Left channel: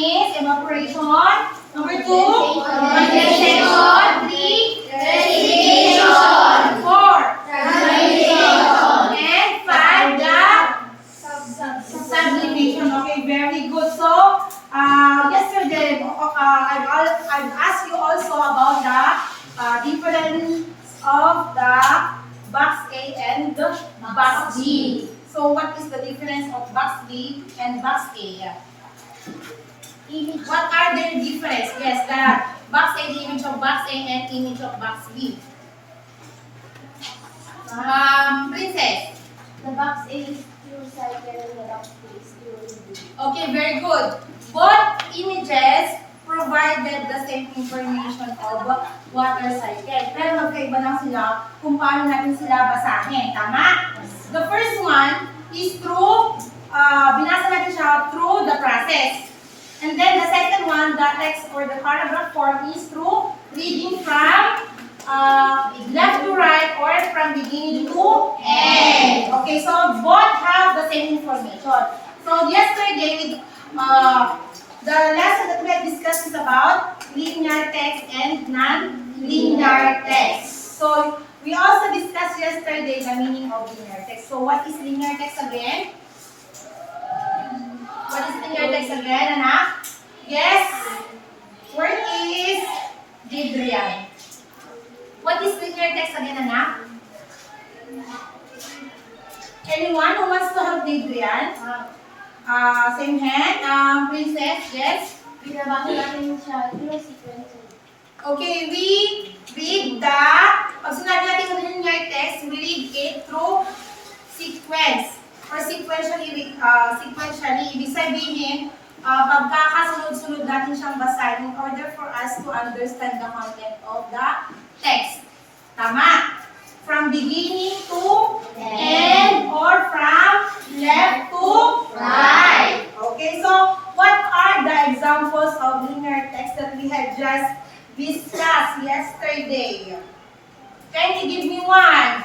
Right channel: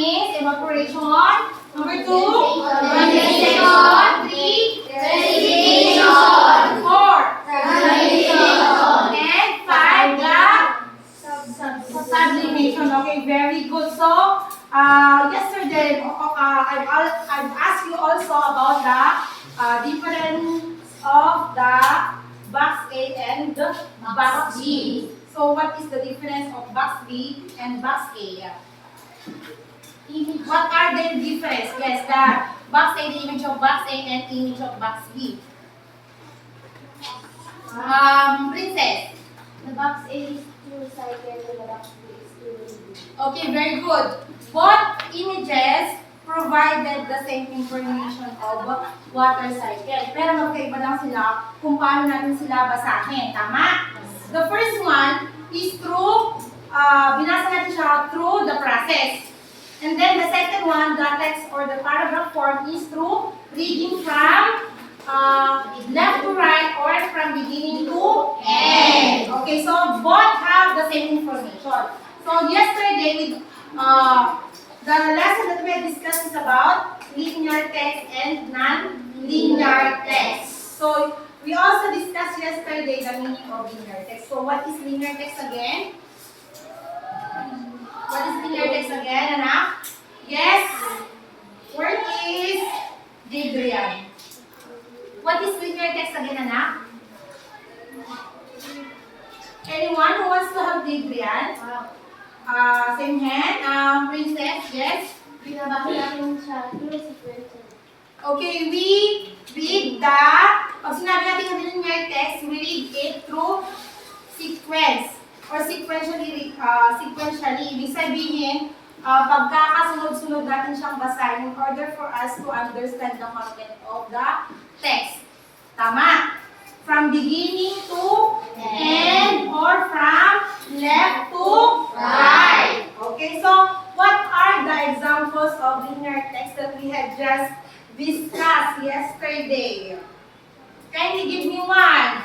is evaporation. Number 2, condensation. 3, precipitation. 4, transpiration. And 5, the sublimation. Okay, very good. So, yesterday, I've asked you also about the difference of the box A and the box B. So, what is the difference of box B and box A? What are their difference? Yes, the box A, the image of box A and image of box B. Princess. The box A is through cycle and the box B is through reading. Okay, very good. Both images provided the same information of water cycle. Pero magkaiba lang sila kung paano natin sila basahin. Tama? The first one is through, binasa natin siya through the process. And then the second one, the text or the paragraph form is through reading from left to right or from beginning to end. Okay, so both have the same information. So yesterday, the lesson that we had discussed is about linear text and non-linear text. So we also discussed yesterday the meaning of linear text. So what is linear text again? What is linear text again, anak? Yes? Where is Jadrian? What is linear text again, anak? Anyone who wants to help Jadrian? Same hand. Princess, yes? Binabasa natin siya through sequential. Okay, we read the, pag sinabi natin yung linear text, we read it through sequence or sequentially. Ibig sabihin, pagkakasunod-sunod natin siyang basahin in order for us to understand the content of the text. Tama? From beginning to end or from left to right. Okay, so what are the examples of linear text that we had just discussed yesterday? Can you give me one?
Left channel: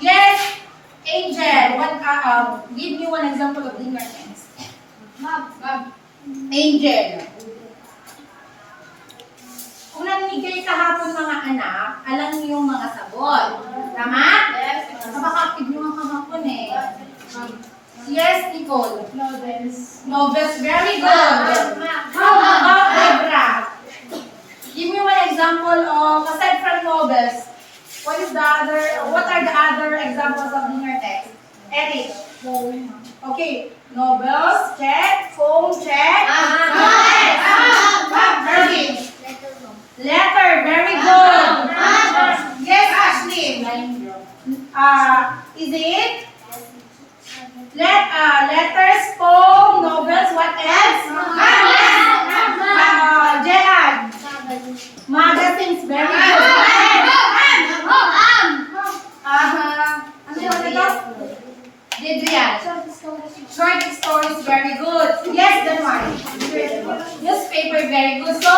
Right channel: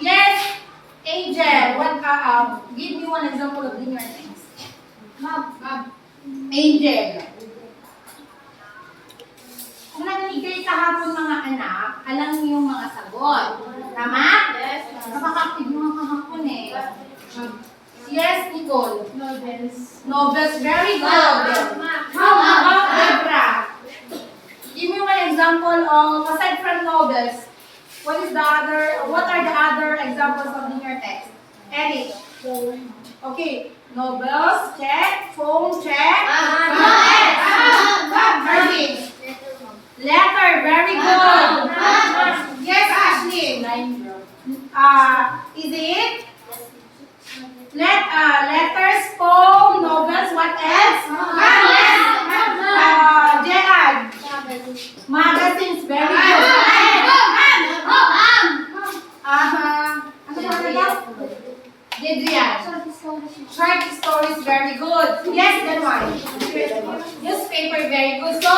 Yes, Angel. Give me one example of linear text. Angel. Kung narinig kayo kahapon mga anak, alam niyo yung mga sagot. Tama? Yes. Napaka-active nyo nga kahapon eh. Yes, Nicole. Novels. Novels, very good. How about Debra? Give me one example of, aside from novels, what are the other examples of linear text? Eric. Okay, novels, check. Phone, check. Irving. Letter, very good. Yes, Ashley. Is it? Letters, poem, novels, what else? Gerard. Magazines, very good. Ano ba ito? Jadrian. Short stories, very good. Yes, that one. Newspaper, very good. So,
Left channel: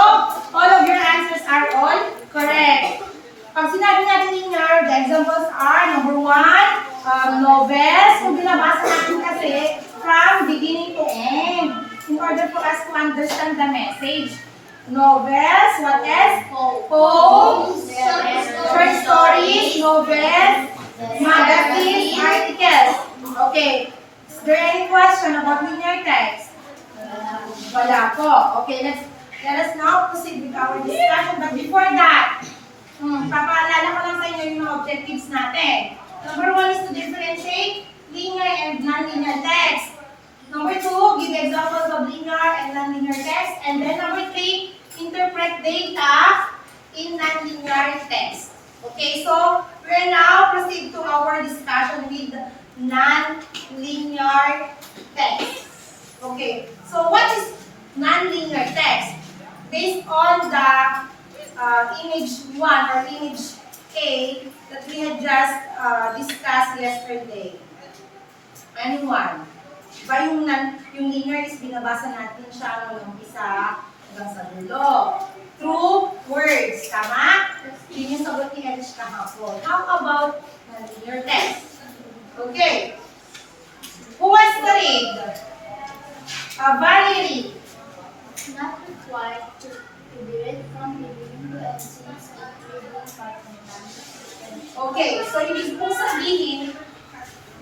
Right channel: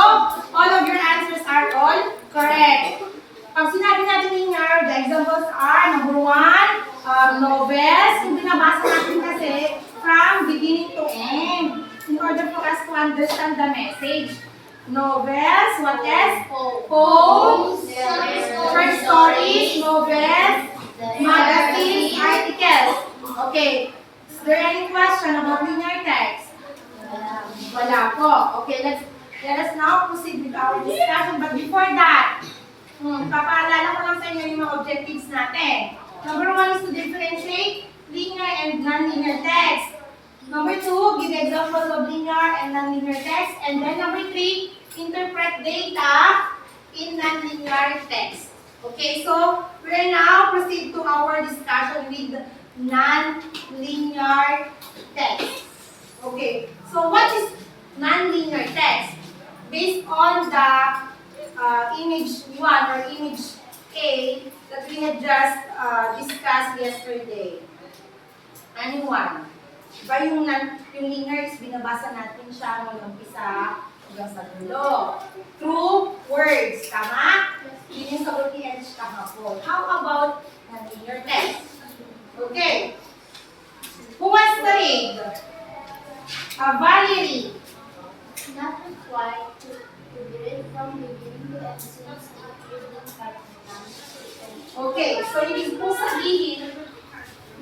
all of your answers are all correct. Pag sinabi natin linear, the examples are, number 1, novels. Kung binabasa natin kasi, from beginning to end, in order for us to understand the message. Novels, what else? Poems, short stories, novels, magazines, articles. Okay. Is there any question about linear text? Wala po. Okay, let us now proceed with our discussion. But before that, papaalala ko lang sa inyo yung mga objectives natin. Number 1 is to differentiate linear and non-linear text. Number 2, give examples of linear and non-linear text. And then number 3, interpret data in non-linear text. Okay, so we'll now proceed to our discussion with non-linear text. Okay, so what is non-linear text? Based on the image 1 or image A that we had just discussed yesterday. Anyone? Diba yung linear is binabasa natin siya nung umpisa hanggang sa dulo. Through words, tama? Yun yung sagot ni Elish kahapon. How about non-linear text? Okay. Who wants to read? Valerie. required to be read from beginning to end since it reading part of non-sequential. Okay, so ibig po sabihin,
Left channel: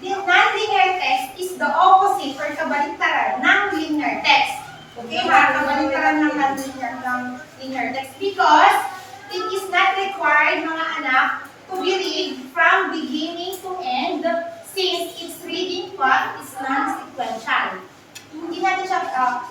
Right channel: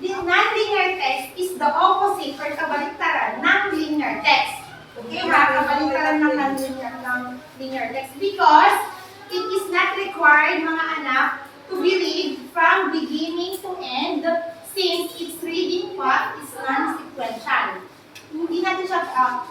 the non-linear text is the opposite or kabaliktaran ng linear text. Okay, ha? Kabaliktaran ng non-linear text because it is not required, mga anak, to be read from beginning to end since its reading part is non-sequential. Hindi natin siya,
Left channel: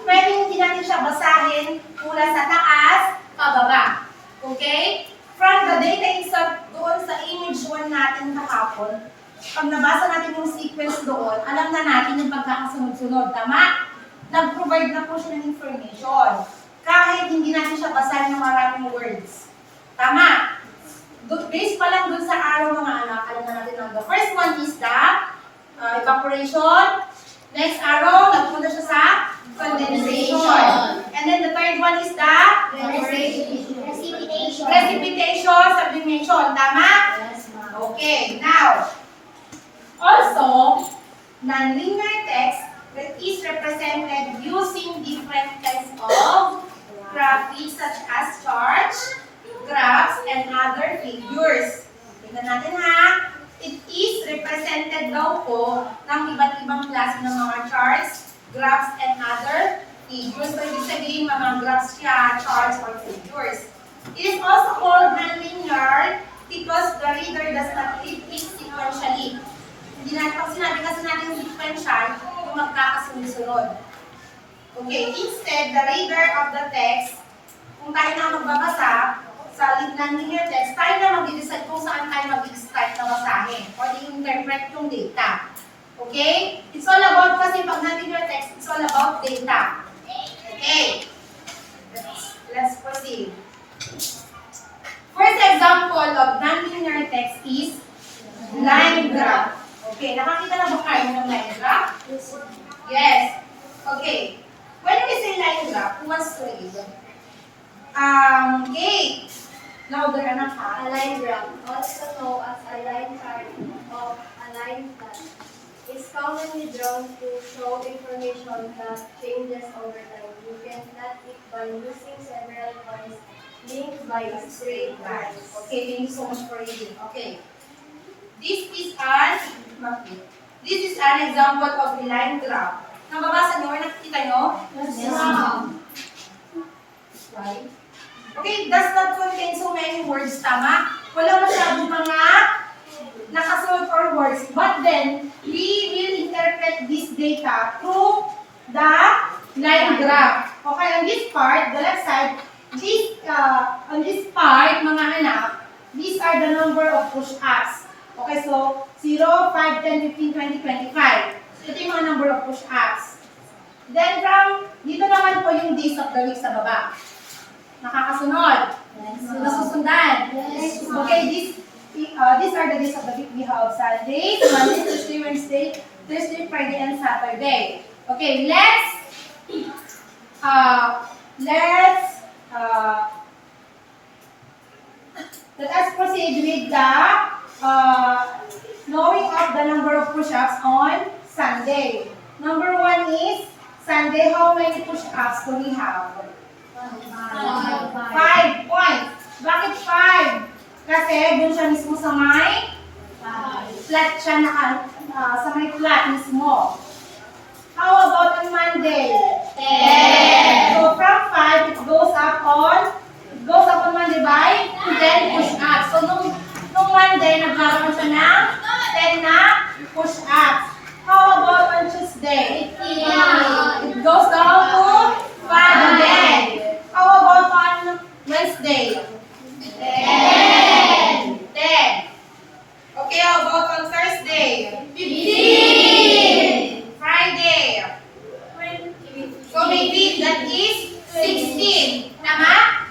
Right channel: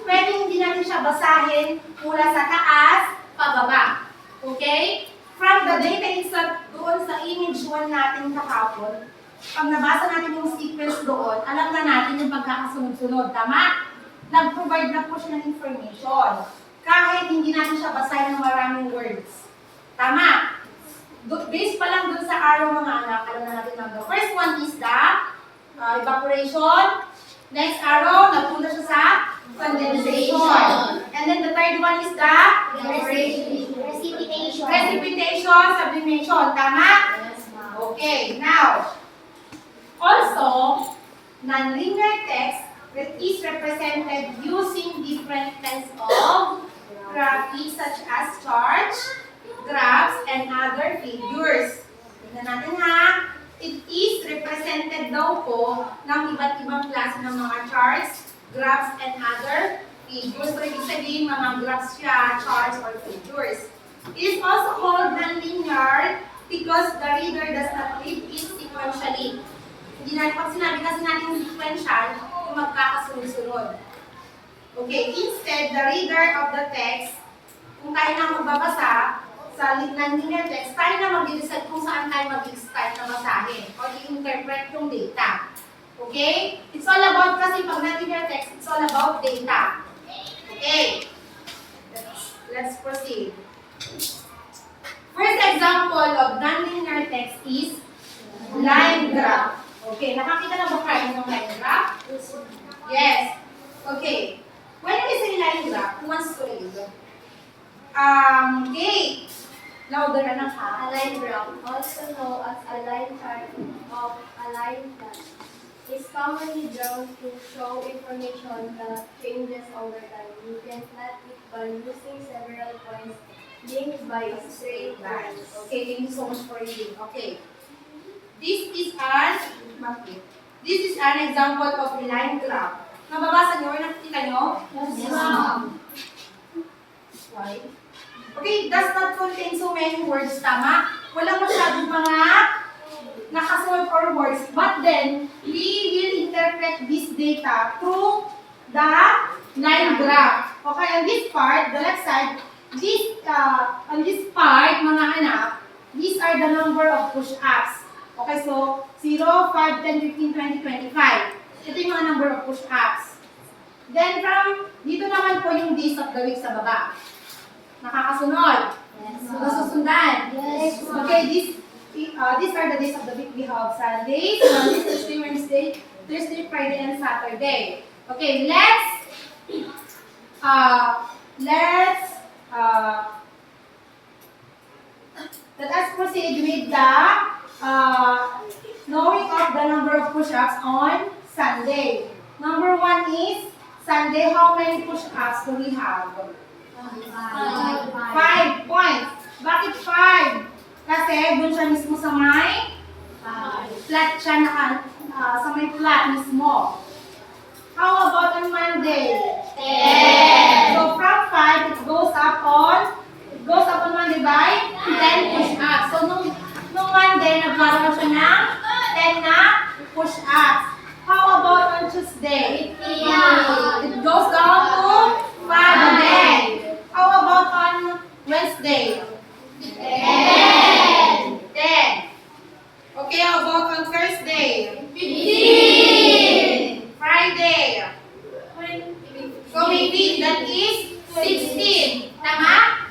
pwedeng hindi natin siya basahin mula sa taas, pababa. Okay? From the data insert doon sa image 1 natin kahapon, pag nabasa natin yung sequence doon, alam na natin yung pagkakasunod-sunod. Tama? Nag-provide na po siya ng information. Kahit hindi natin siya basahin ng maraming words. Tama? Based pa lang dun sa arrow, mga anak, alam na natin na the first one is the evaporation. Next arrow, nagpunta siya sa condensation. And then the third one is the Precipitation. precipitation, sublimation. Tama? Yes, ma'am. Okay, now, also, nonlinear text is represented using different kinds of graphics such as charts, graphs, and other figures. Tingnan natin ha. It is represented daw po ng iba't ibang klase ng mga charts, graphs, and other figures. So, ibig sabihin, mga graphs siya, charts, or figures. It is also called nonlinear because the reader does not read it sequentially. Hindi natin, pag sinabi kasi natin sequential, kung magkakasunod-sunod. Okay, instead, the reader of the text, kung tayo na magbabasa, sa nonlinear text, tayo na mag-decide kung saan tayo mag-start na basahin o i-interpret yung data. Okay? It's all about, kasi pag nonlinear text, it's all about data. Okay? Let's proceed. First example of nonlinear text is line graph. Okay, nakakita na ba kayo ng line graph? Yes. Okay. When we say line graph, who wants to read? Okay. Louder, anak ha. A line graph, also known as a line chart of a line plot, is commonly drawn to show information that changes over time. You can plot it by using several points linked by straight lines. Okay, thank you so much for reading. Okay. This is an example of a line graph. Nababasa niyo or nakikita niyo? Yes, ma'am. Right? Okay, it does not contain so many words, tama? Wala masyadong mga nakasunod or words. But then, we will interpret this data through the line graph. Okay, on this part, the left side, on this part, mga anak, these are the number of push-ups. Okay, so 0, 5, 10, 15, 20, 25. Ito yung mga number of push-ups. Then from, dito naman po yung days of the week sa baba. Nakakasunod. Nasusundan. Yes, ma'am. Okay, these are the days of the week. We have Sunday, Monday, Tuesday, Wednesday, Thursday, Friday, and Saturday. Okay, let's let us proceed with the knowing of the number of push-ups on Sunday. Number 1 is Sunday. How many push-ups do we have? 5 points. Bakit 5? Kasi doon siya mismo sa may flat siya sa may flat mismo. How about on Monday? 10. So from 5 it goes up on Monday by 10 push-ups. So nung Monday nagkaroon siya ng 10 na push-ups. How about on Tuesday? 15. It goes down to 5 again. How about on Wednesday? 10. Okay, how about on Thursday? 15. Friday? 20. So maybe that is 16. Tama?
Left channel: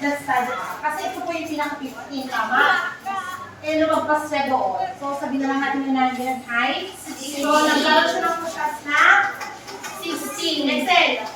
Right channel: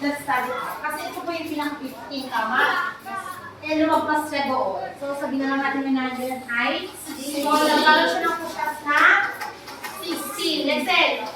That's sad. Kasi ito po yung pinaka-15. Tama? Eh, lumagpas siya doon. So sabihin na lang natin yung nandiyan ay 16. So nagkaroon siya ng push-ups na 16. Next set.